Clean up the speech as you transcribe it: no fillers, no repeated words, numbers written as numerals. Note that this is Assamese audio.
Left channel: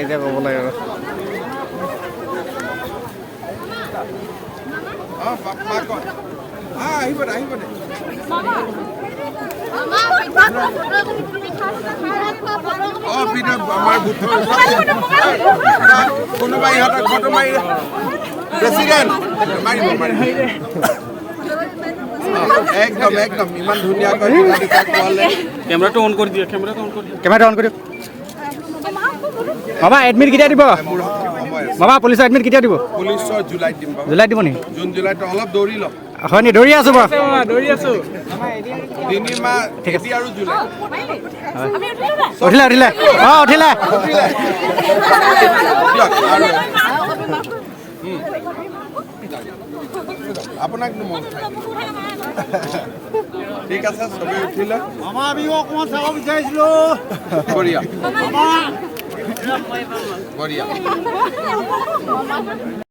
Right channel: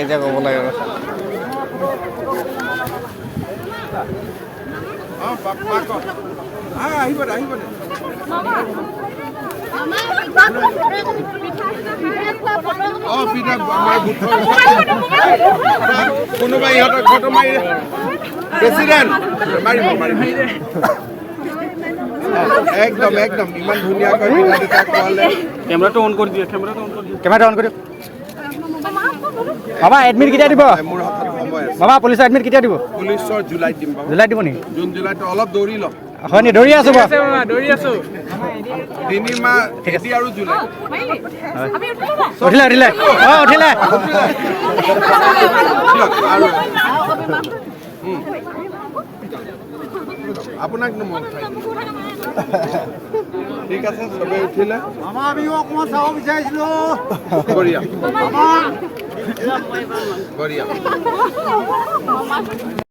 এতিয়া ক'ব লাগে কোনোবাই ইহঁতক ফটো মাৰি প্ৰেচিডেণ্ট একদম একদম ইমান ধুনীয়াকৈ কেমেৰাটো অন কৰি দিয়ক কেমেৰাটো অন কৰি দিয়ক বাবা এডমিট কেতিয়া দিব বাবা পুলিচৰ এডমিট কেতিয়া দিব পুলিচৰ জুলাইত দিম জুলাইত দিব নেকি জুন জুলাইত অলপ দৌৰি লওক হয় নি দৌৰি আছোঁ বাৰু দৌৰি আছোঁ 3 মাহ খেতি আৰু জুলাই উঠিলা উঠিলা অঁ উঠিলা আপোনাক ঠিক আছে চবে উঠিলে আমাৰ আমিও অকণমান চাব বিচাৰিছিলোঁ বঢ়িয়া বঢ়িয়া